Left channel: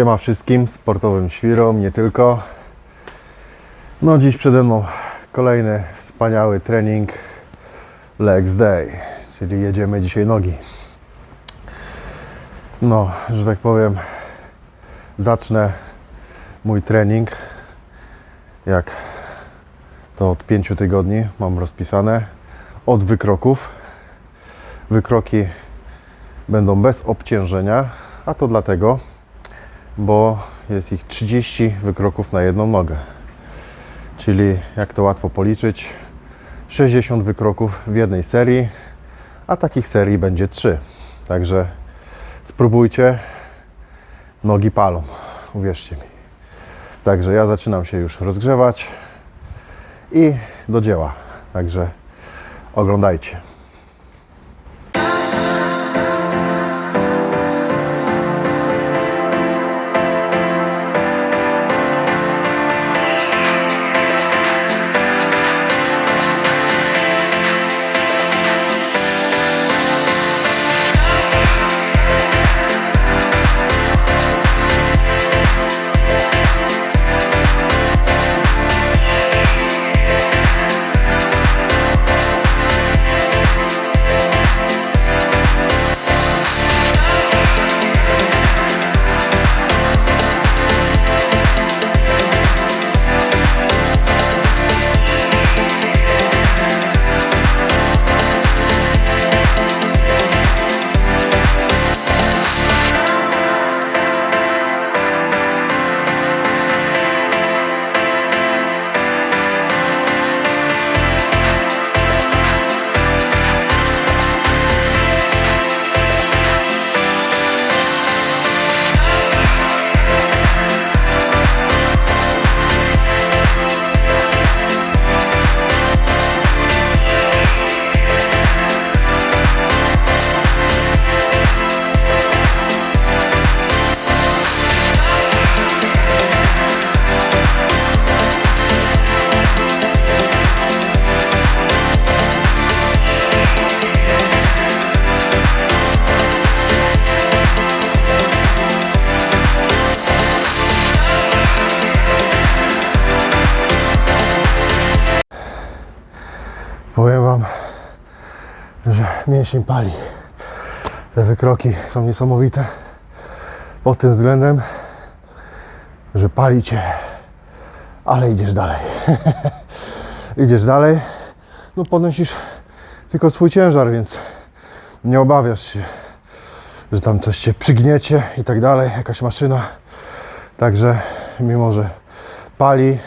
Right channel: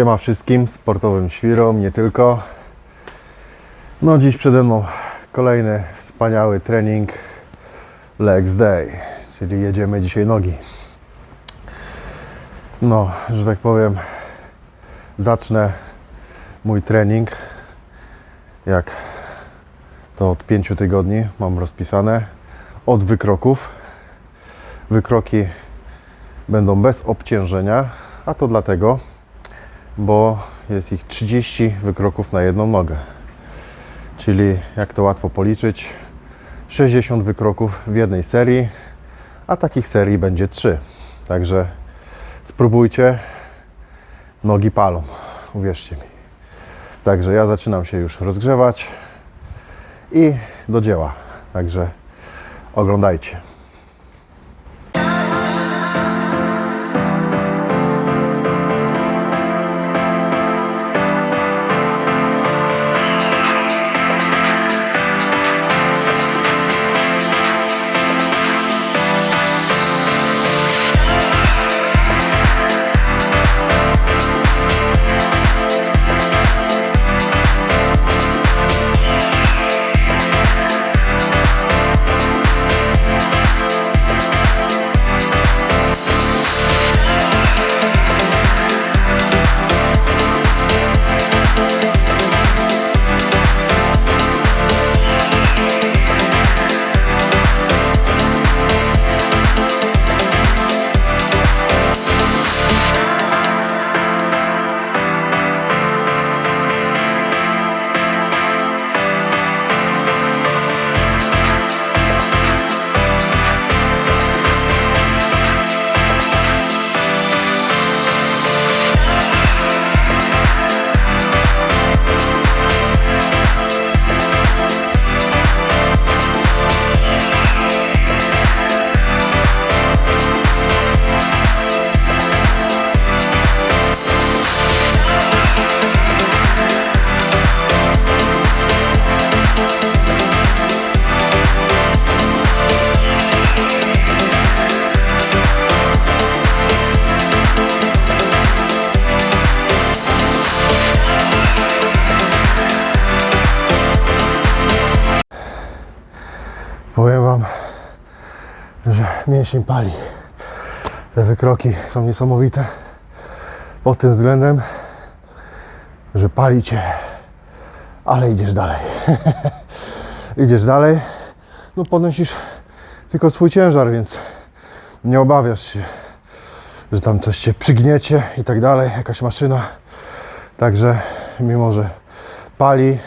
Siema wszystkim sportowym świrom, nie tylko. No dziś przede mną kolejny wspaniały trening Legs Day, czyli jedziemy dzisiaj nogi. No, że tak powiem, zacznę mój trening jak to od 5 tygodni mam rozpisane od wykroków. Wykroki będą bez obciążenia, a to dlatego, bo jest ich 30 wykroków na jedną nogę. Czyli jak to łatwo policzyć, 60 wykroków w jednej serii, a takich serii będzie 3. Także spróbujcie, nogi palą, uwierzcie mi. Także ja zaczynam się już rozgrzewać i do dzieła. Także oglądajcie. Mięsień pali. Te wykroki są niesamowite pod tym względem, że pali Cię, ale idziesz dalej. idziesz dalej, no podnosisz tylko swój ciężar, więc nie obawiasz się, że tam coś Cię przygniecie i tak dalej, jakaś maszyna. Także mimo, że pali,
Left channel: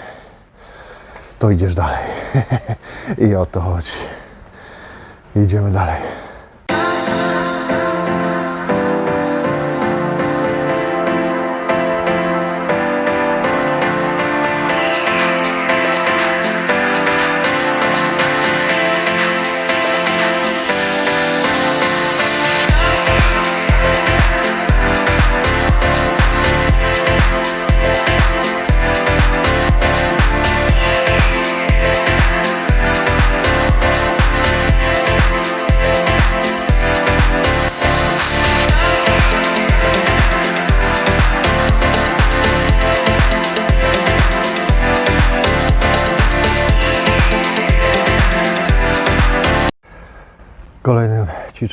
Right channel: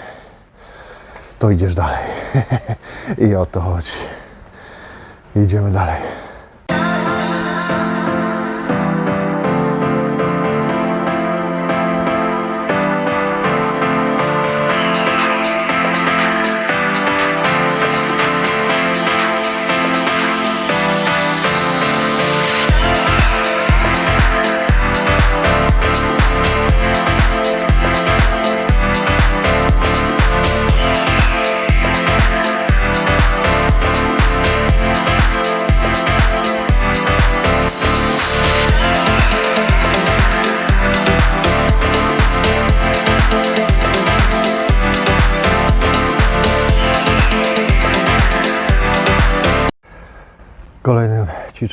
to idziesz dalej. I o to chodzi. Idziemy dalej. Kolejnym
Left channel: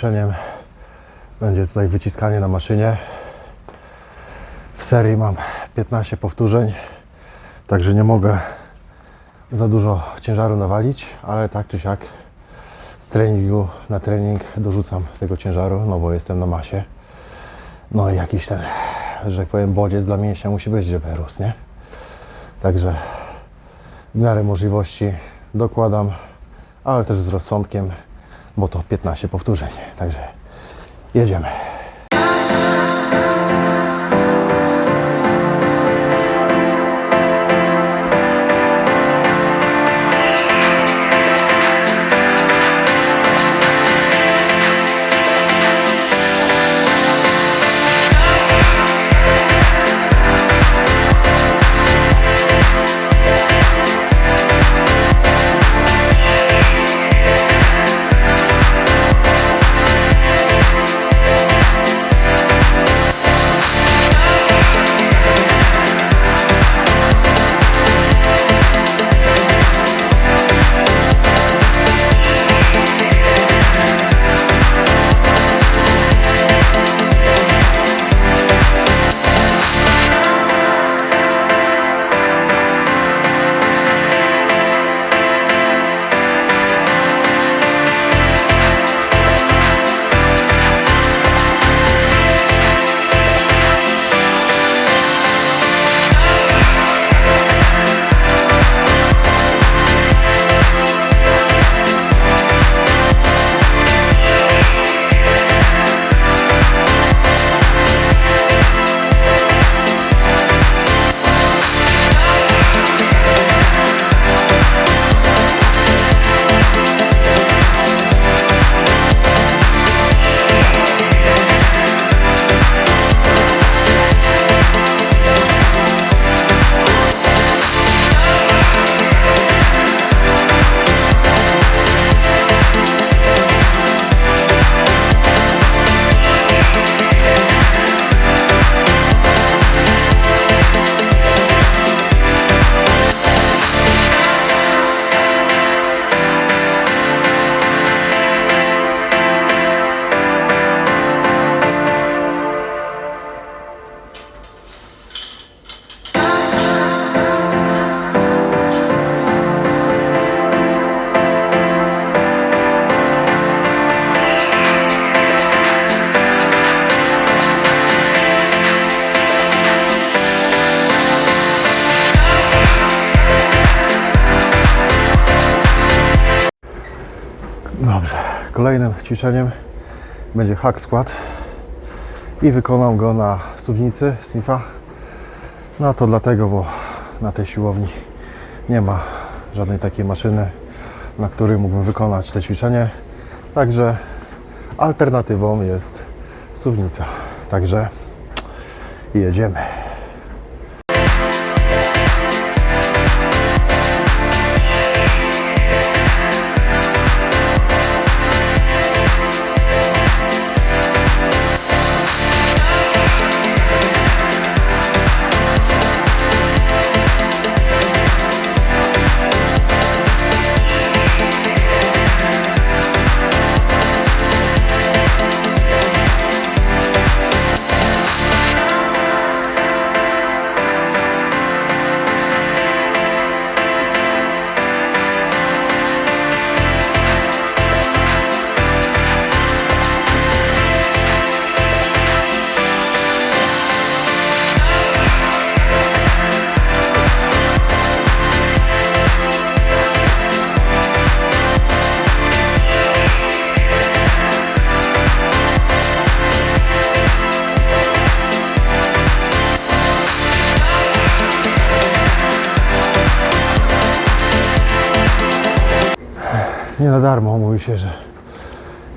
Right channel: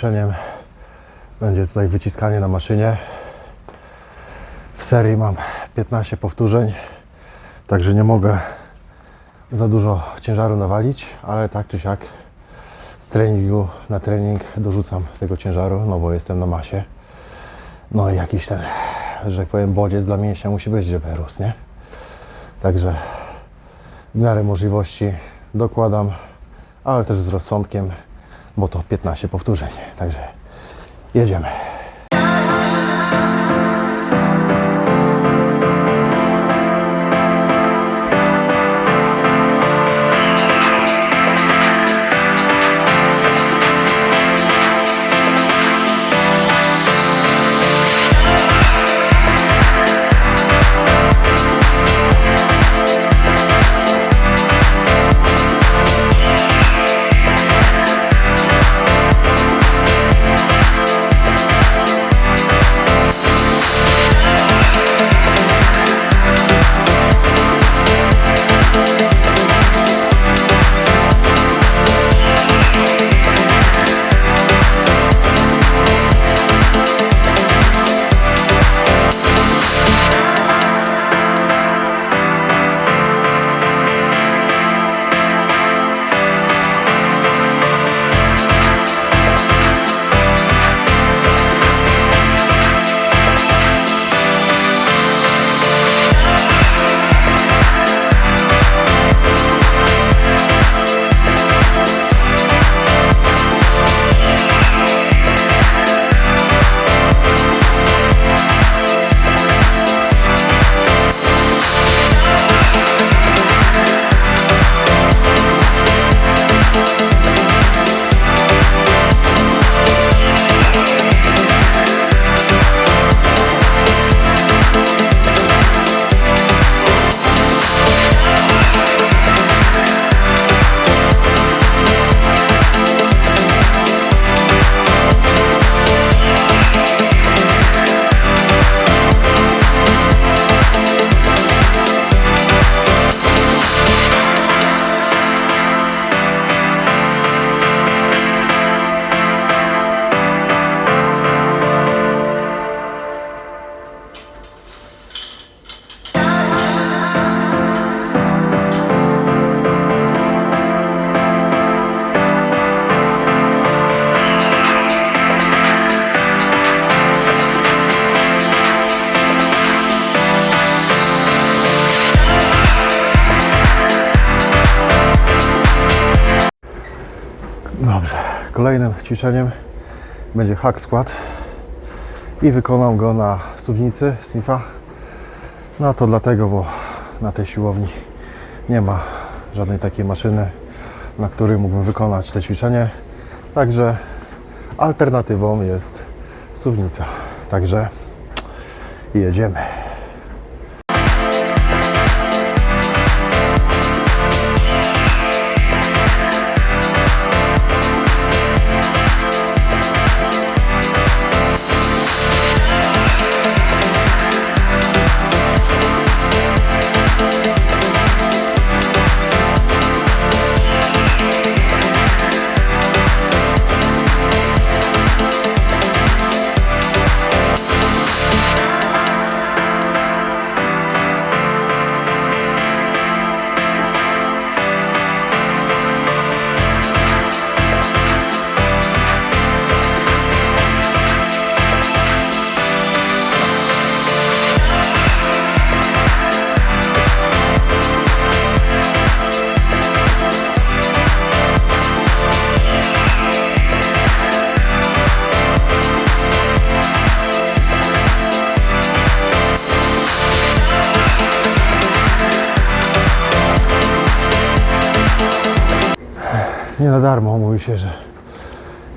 ćwiczeniem będzie tutaj wyciskanie na maszynie. W serii mam 15 powtórzeń, także nie mogę za dużo ciężaru nawalić, ale tak czy siak z treningu na trening dorzucam tego ciężaru, no bo jestem na masie. No i jakiś ten, że tak powiem, bodziec dla mięśnia musi być, żeby rósł, nie? Także w miarę możliwości dokładam, ale też z rozsądkiem, bo to 15 powtórzeń. Także jedziemy. Kolejnym ćwiczeniem będzie hack skład i wykonam go na suwnicy Smitha. No to dlatego, bo na tej siłowni nie ma żadnej takiej maszyny, na której mógłbym wykonać to ćwiczenie. Także alternatywą jest suwnica. Także jedziemy. Nie na darmo mówi się, że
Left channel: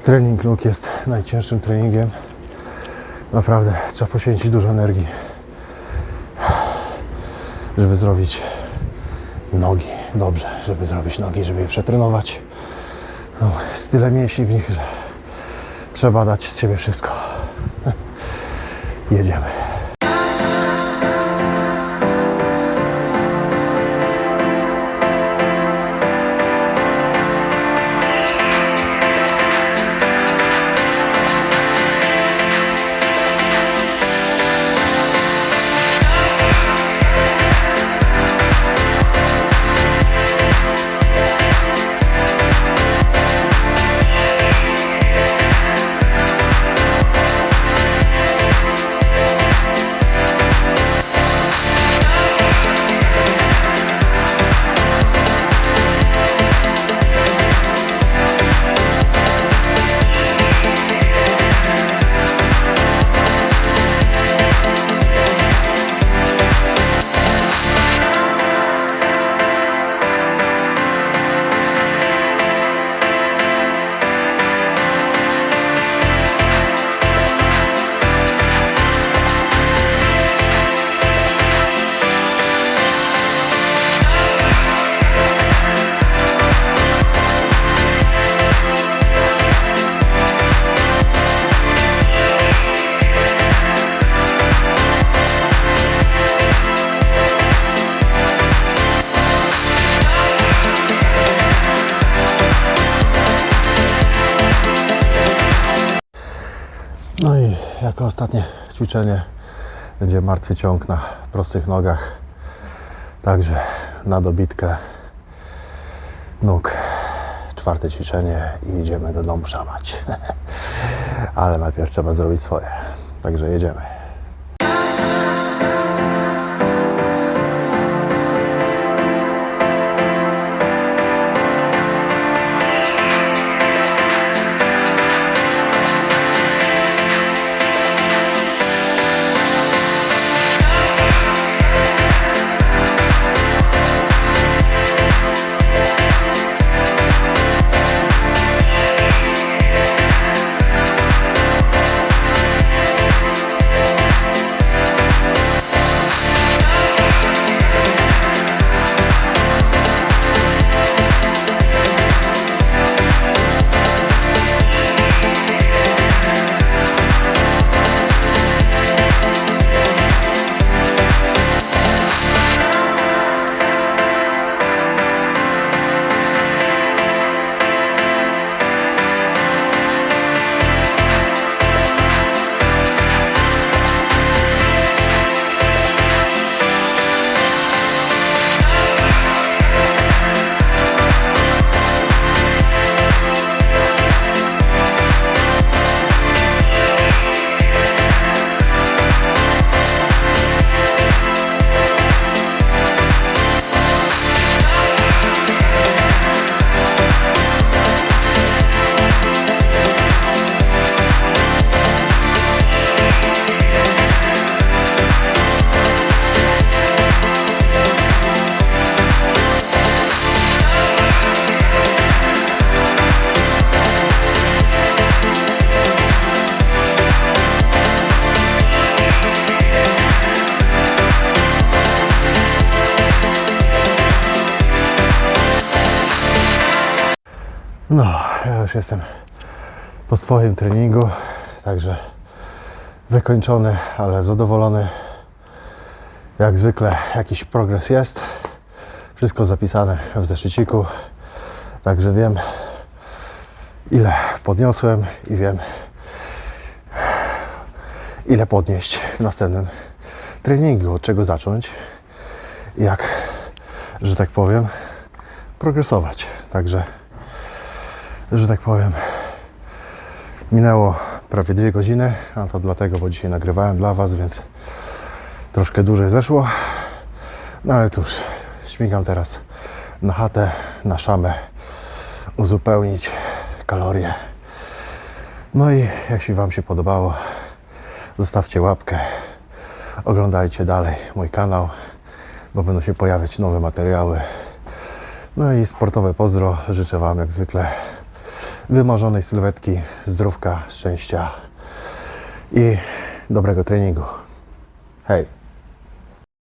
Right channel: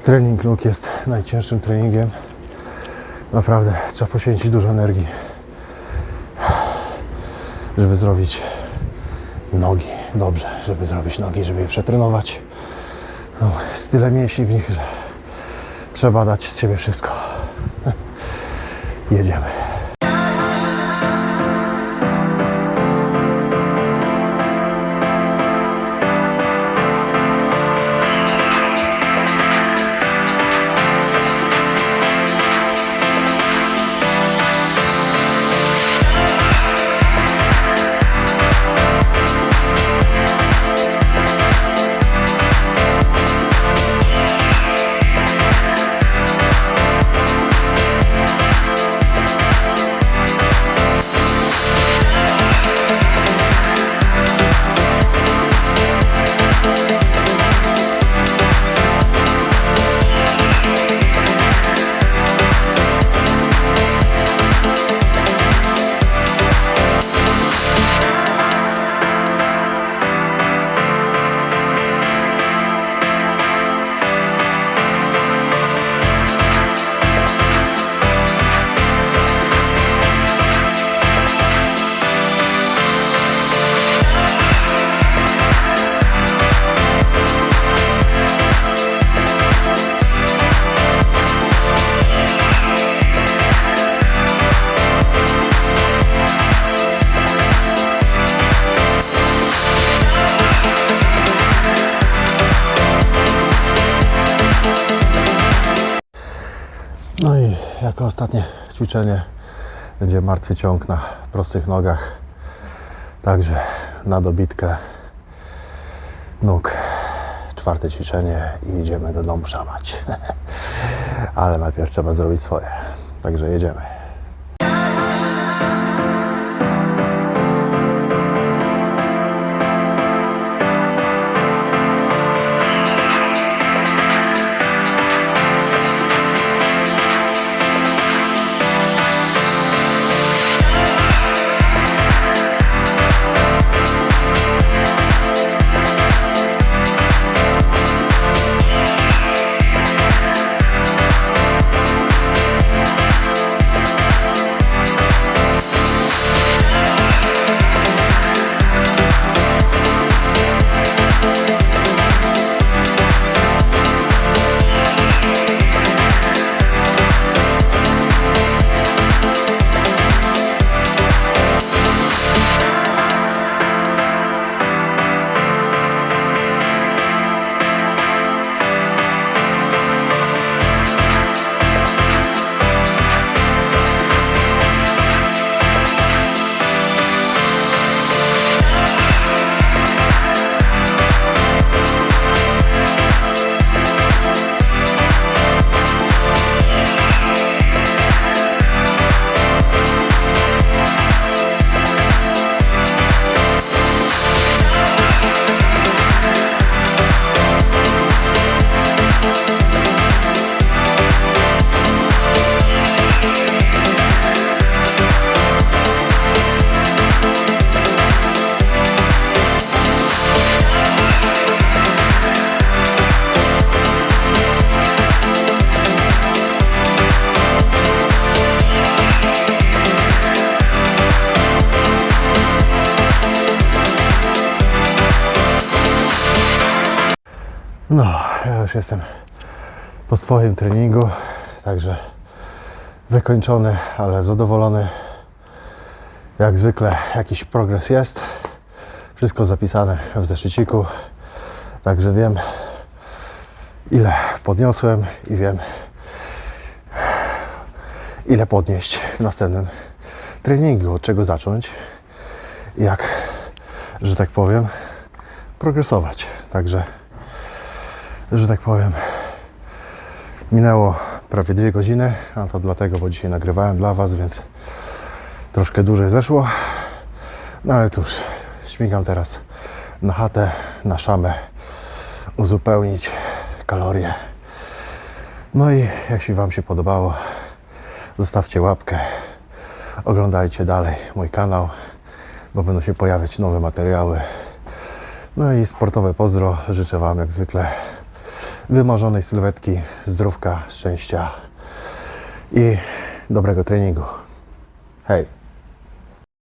trening nóg jest najcięższym treningiem. Naprawdę trzeba poświęcić dużo energii, żeby zrobić nogi dobrze, żeby zrobić nogi, żeby je przetrenować. No, jest tyle mięśni w nich, że trzeba dać z siebie wszystko. Jedziemy. Jako ostatnie ćwiczenie będzie martwy ciąg na prostych nogach. Także na dobitkę nóg. Czwarte ćwiczenie i idziemy do domu szamać. Ale najpierw trzeba zrobić swoje. Także jedziemy. No, ja już jestem po swoim treningu, także wykończony, ale zadowolony. Jak zwykle jakiś progres jest. Wszystko zapisane w zeszyciku, także wiem ile podniosłem i wiem ile podnieść w następnym treningu, od czego zacząć jak, że tak powiem, progresować. Także, że tak powiem, minęło prawie dwie godziny, a to dlatego, bo dzisiaj nagrywałem dla Was, więc troszkę dłużej zeszło. No ale cóż, śmigam teraz na chatę, na szamę, uzupełnić kalorie. No i jeśli Wam się podobało, zostawcie łapkę, oglądajcie dalej mój kanał, bo będą się pojawiać nowe materiały. No i sportowe pozdro życzę Wam jak zwykle wymarzonej sylwetki, zdrówka, szczęścia i dobrego treningu. Hej!